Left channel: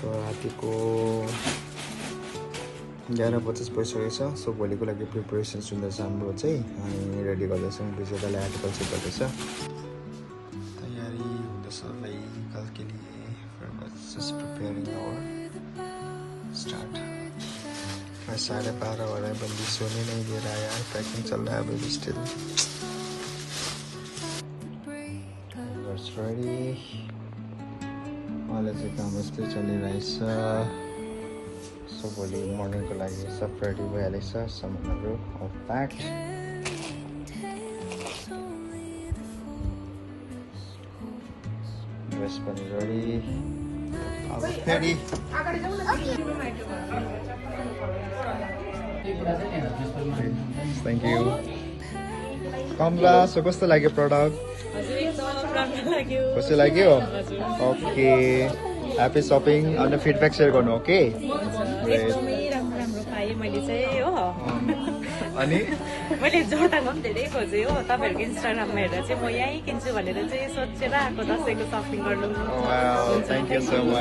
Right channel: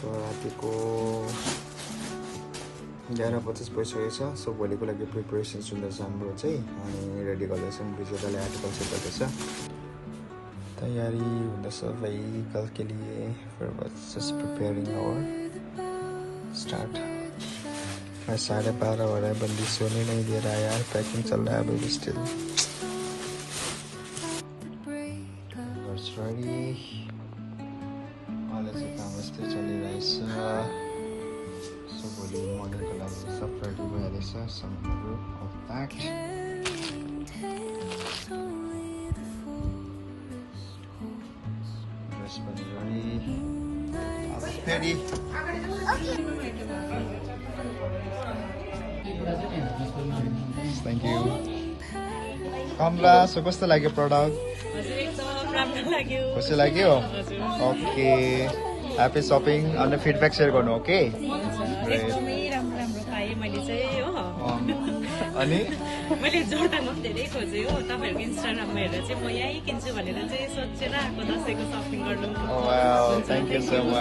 So रातिको 11:50 भइसकेको छ। सो भोलिको लागि प्रिपरेसन सुन्दैछ हाम्रो चाहिँ, अनि रेडी गर्दैछौँ। बिजुवालाई आर्टिकल चाहिँ गर्दैछ, तयारी हुँदैछ भाइ कल के लिए। फिर बस जस्ट प्रिपेयरिंग आवर स्टार्ट। 12:30 हो रहा है, बंदी सोने नहीं दे रहा है यार। पैकिंग चल रहा है अभी भी स्टिल। रेडी अहिले चाहिँ काम यस्तै चलिरहेछ। सो भोलि मर्निङको लागि सब रेडी भइहालेको छ, सामानहरू अल प्याक्ड। ड्रेस पनि रेडी, अब फेरि थ्याङ्क यू। कमला, सो कस्तो लाग्यो प्रडक्ट? खुसी लाग्यो? Okay, happy shopping. अनि फिडब्याक सेयर गर्नु, ओके? एकदमै राम्रो पाएँ मैले चाहिँ हो। अनि मैले जोरथाङमा पनि धेरै खोजेँ हो, तपाईँहरूको इन्स्टाग्राममा हेरेर चाहिँ म यहीँ किन्छु भनेर चाहिँ सोचेर आएको दसैँको सपिङ गर्नु। Thank you so much.